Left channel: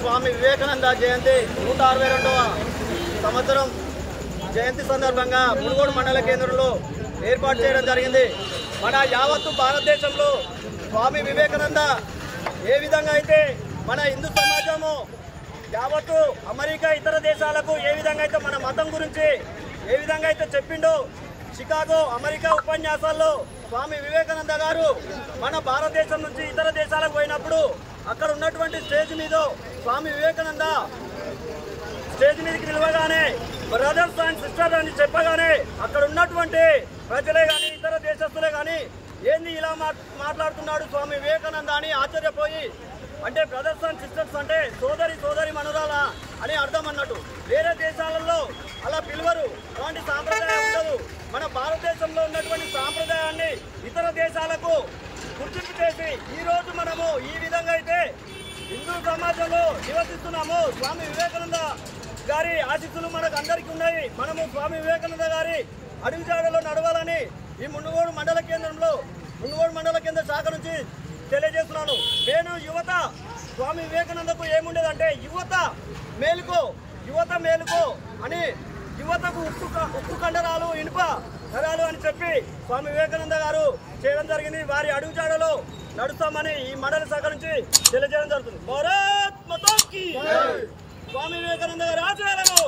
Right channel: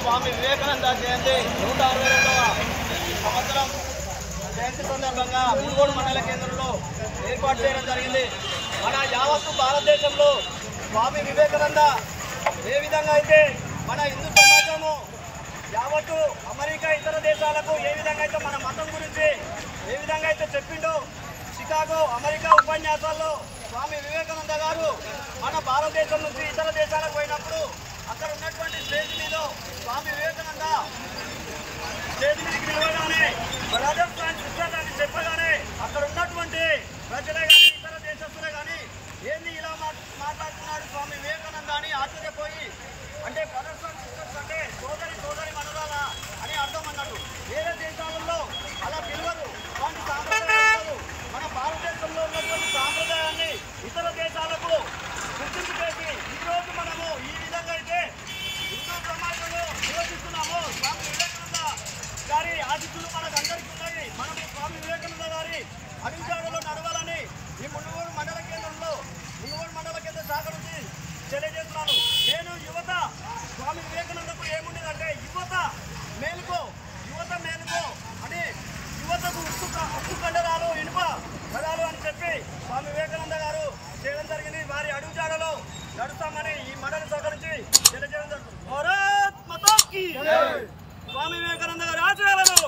स्वामी विवेकानंद जयंती 162వ సంవత్సరం జయంతి సందర్భంగా మునుగోడు మండల కేంద్రంలో ఏర్పాటు చేయడం జరిగింది। మన యావత్తు భారతదేశంలో స్వామి వివేకానంద ఏ విధంగా అయితే మన హిందూ సమాజము యావత్తు అమెరికా ఇతర దేశాలకు ఏ విధంగా అయితే మన మతం గురించి ఏ విధంగా అయితే చెప్పిండో షికాగో అమెరికా ఉపన్యాసాల్లో స్వామి వివేకానంద గారు మన భారతదేశం నుంచి ఇతర దేశాలకు పోయినప్పుడు అక్కడ ఉన్నటువంటి స్టేజ్ మీద స్వామి వివేకానంద స్టేజ్ మీదకి పిలవగానే బ్రదర్స్ అండ్ సిస్టర్స్ అని చెప్పగానే అక్కడ ఉన్నటువంటి ప్రజలే కానీ ఇతర దేశస్తులే కానీ ఏంది ఇలా మాట్లాడుతున్నాడు స్వామి వివేకానంద అని ఆశ్చర్యపోయి, అంటే బ్రదర్స్ అండ్ సిస్టర్స్ అంటే సోదరి మనురాలా అని అర్థం అన్నట్టు। వేరే దేశాలలో అలా పిలువరు, అలాంటి సాంప్రదాయం ఉండదు। మన భారతదేశంలో ఉన్నటువంటి సాంప్రదాయాన్ని ఇతర దేశాలకు గుర్తింపు చేసి ఈరోజు మనము ఈ విధంగా అయితే హిందూ సమాజంలో నివసిస్తున్నాము। స్వామి వివేకానంద గారి ఆశీస్సులు మనకు అందరికీ ఉన్నాయి। మనము స్వామి వివేకానంద గారి అడుగుజాడలో నడవాలని ఈ మునుగోడు మండల కేంద్ర శాఖ నుంచి తెలియజేస్తున్నాను। నేను యువత స్వామి వివేకానందకు ఏముండేదంటే యువత మేలుకో అని యువతకు ఉక్కు కండరాలు ఇనుప నరాలు అని చెప్పి స్వామి వివేకానంద గారు చేయడం జరిగింది। వారి అడుగుజాడలో నడుస్తామని ఈ మండల శాఖ నుంచి తెలియజేయడం జరుగుతుంది। భారత్ మాతా కీ జై। స్వామి వివేకానంద గారి ఆశయాలను